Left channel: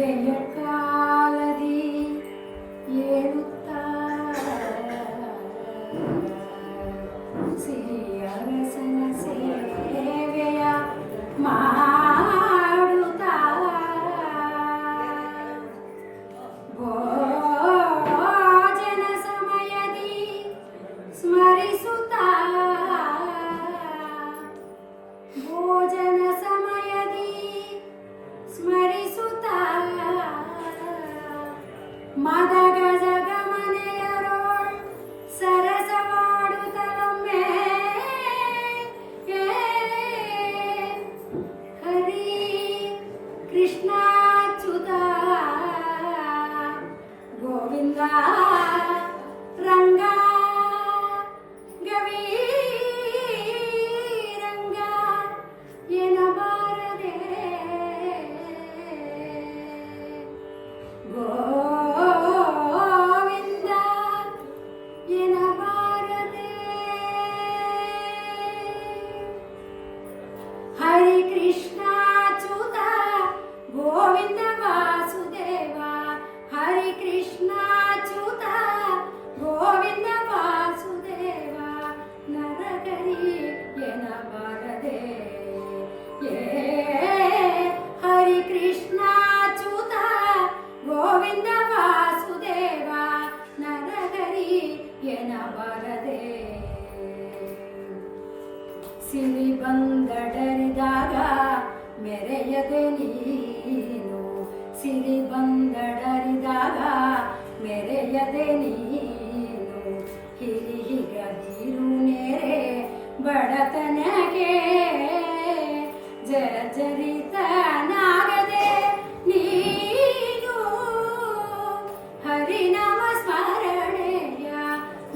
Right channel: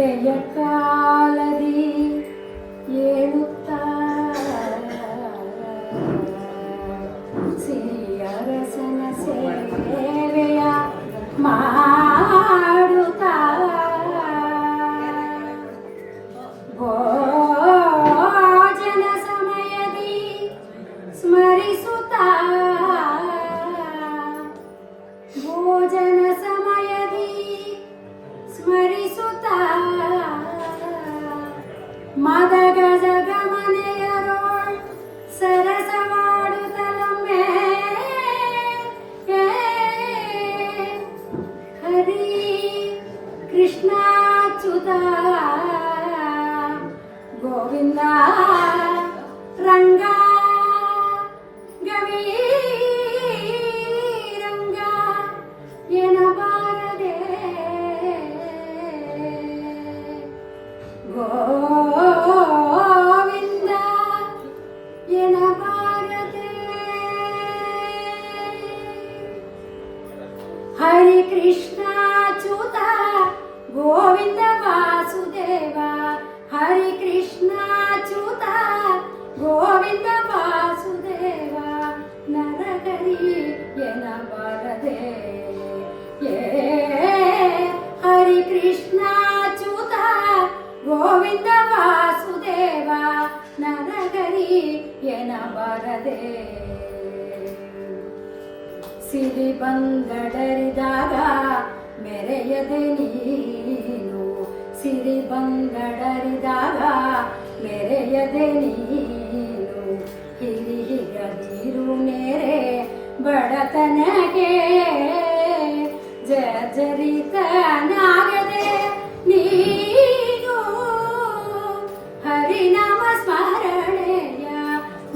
ನಿದ್ದೆಯ ಕಾಲದಿ ಏಳುತ್ತಾ ಸಿರಿಯರಸನ ಸೇವೆಯ ಮಾಡುತ್ತಾ ಭೋಜನ ಸಮಯದಿ ಸ್ಮರಿಸುತ್ತಾ ಭೋಜನ ಸಮಯದಿ ಸ್ಮರಿಸುತ್ತಾ ಮದಗಜ ಗಮನೆಯರೋಳ್ ಸರಸವಾಡುತ್ತಲೊಮ್ಮೆ ಹರಿ ಕೃಷ್ಣಾಚ್ಯುತ ಗೋವಿಂದ ರಂಗ ಗವೀರಂಗ ಎನಬಾರದೆ ಗೋವಿಂದ ಎನಬಾರದೆ ಹರಿ ಕೃಷ್ಣಾಚ್ಯುತ ಗೋವಿಂದ ವಾಸುದೇವ ಹರಿ ಕೃಷ್ಣಾಚ್ಯುತ ಗೋವಿಂದ ವಾಸುದೇವ ನರಹರಿ ಎನಬಾರದೆ ಹರಿ ಕೃಷ್ಣಾಚ್ಯುತ ಗೋವಿಂದ ವಾಸುದೇವ ನರಹರಿ ಎನಬಾರದೆ ಸಿರಿ ಬಂದಡರಿದಾಗ ಮೆರೆಯದೆ ನೀನು ಸಿರಿ ಬಂದಡರಿದಾಗ ಮೆರೆಯದೆ ನೀನು ಹಿರಿ ಹಿರದಿರು ನೆರೆ ಬಡತನಕ್ಕೆ ಜರ್ಜರಿತನಾಗದೆ ನೀನು ಹರಿನಾಮ ಸ್ಮರಣೆಯ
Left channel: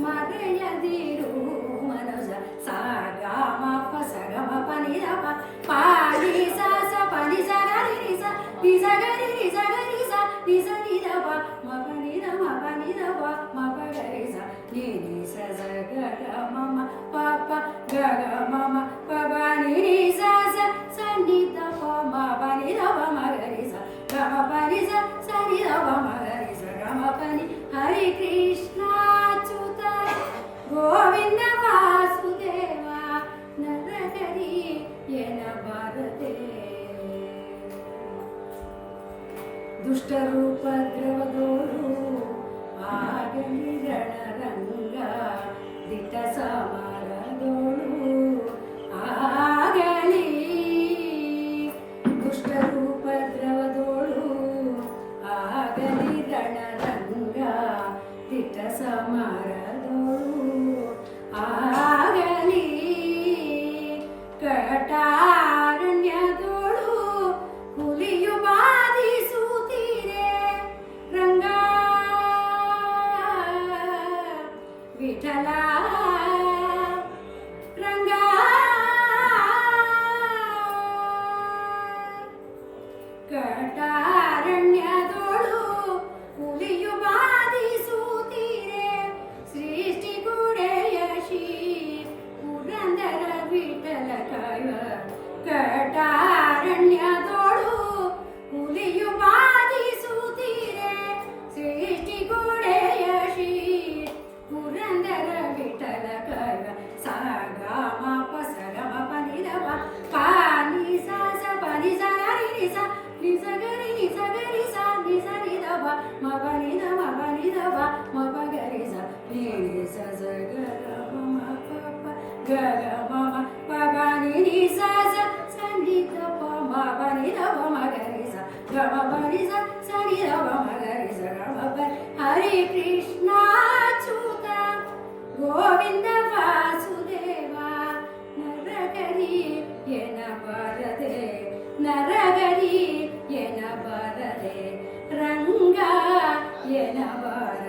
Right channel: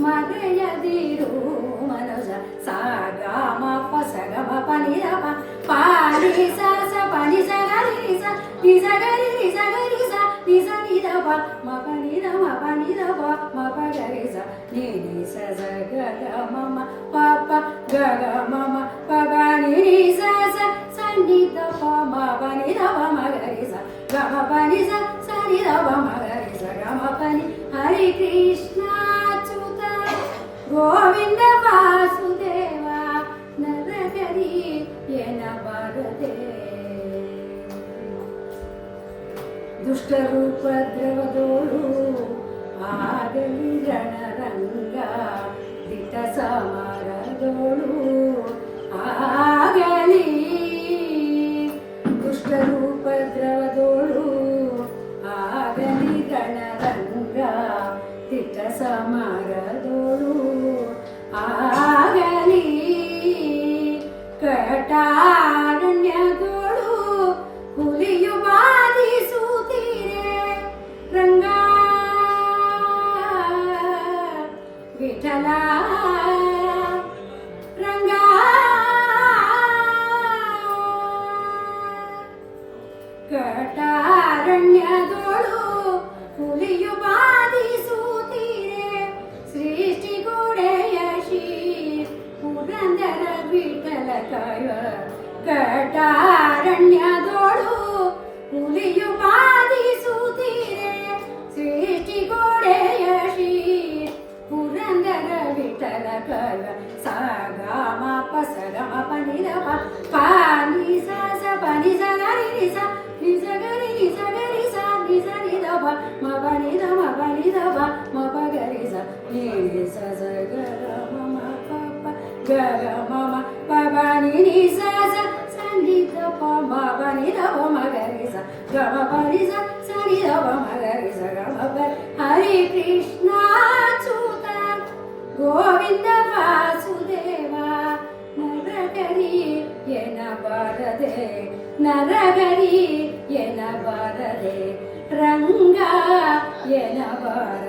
ಮರೆಯದಿರು ಮನಸ ಸಾಗಮ ಪಸಗಮ ಪನಿರಪ ಪಾನಿ ಸ ಪನಿ ಸಗರಿ ನಿಸ ನಿಸಗರಿ ನಿಸಗರಿ ಸ ನಿಸ ನಿದಪ ಮಪನಿದ ಮಪನಿದಪ ಮಪಗರಿ ಸ ನಿನಿ ಸ ಗಗ ಮಮ ಪಪ ಗಗ ಮಮ ಪಬನಿ ನಿಸ ಸ ಸನ್ನಿದಪ ಮಪನಿದಪ ಮಗರಿ ಸ ಗಮ ಪನಿ ಸ ಸನಿದಪ ಮಗರಿ ಸ ಗಮ ಪನಿ ಹರಿ ಕೃಷ್ಣಾಚ್ಯುತ ಗೋವಿಂದ ವಾಸುದೇವ ನರಹರಿ ಎನಬಾರದೆ ದುಷ್ಟರೂಪದ್ರವದೋಳು ಆಗಲಿ ರಣರಂಗ ದಿಟ ಸಮಾರದೋಳು ಆಗಲಿ ದುಷ್ಟರೂಪದ್ರವದೋಳು ಆಗಲಿ ರಣರಂಗ ದಿಟ ಸಮಾರದೋಳು ಆಗಲಿ ಕಟಾರಣ್ಯದೋಳು ಹುಲಿಯು ಬಾಧಿಸುತ್ತೀರೆ ರಂಗ ವಿಠಲ ರಂಗ ಕಟಾರಣ್ಯದೋಳು ಹುಲಿಯು ಬಾಧಿಸುತ್ತೀರೆ ಸೃಷ್ಟಿಗುಡೆಯ ಶ್ರೀ ಪುರಂದರ ವಿಠಲ ಕೈವ ಕಟಾರಣ್ಯದೋಳು ಹುಲಿಯು ಬಾಧಿಸುತ್ತೀರೆ ಸೃಷ್ಟಿಗುಡೆಯ ಶ್ರೀ ಪುರಂದರ ವಿಠಲ ಕೈವ ಸಾಗಮ ಪಸಗಮ ಪನಿದಪ ಪಾನಿ ಸ ಪನಿ ಸಗರಿ ನಿಸ ನಿಸಗರಿ ನಿಸಗರಿ ಸ ನಿಸ ನಿದಪ ಮಪನಿದಪ ಮಪಗರಿ ಸ ನಿನಿ ಸ ಗಗ ಮಮ ಪಪ ಗಗ ಮಮ ಪಬನಿ ನಿಸ ಸ ಸನ್ನಿದಪ ಮಪನಿದಪ ಮಗರಿ ಸ ಗಮ ಪನಿ ಸ ಸನಿದಪ ಮಗರಿ ಸ ಗಮ ಪನಿ ಹರಿ ಕೃಷ್ಣಾಚ್ಯುತ ಗೋವಿಂದ ವಾಸುದೇವ ನರಹರಿ ಎನಬಾರದೆ ನರಹರಿ ಎನಬಾರದೆ ರಂಗ ಎನಬಾರದೆ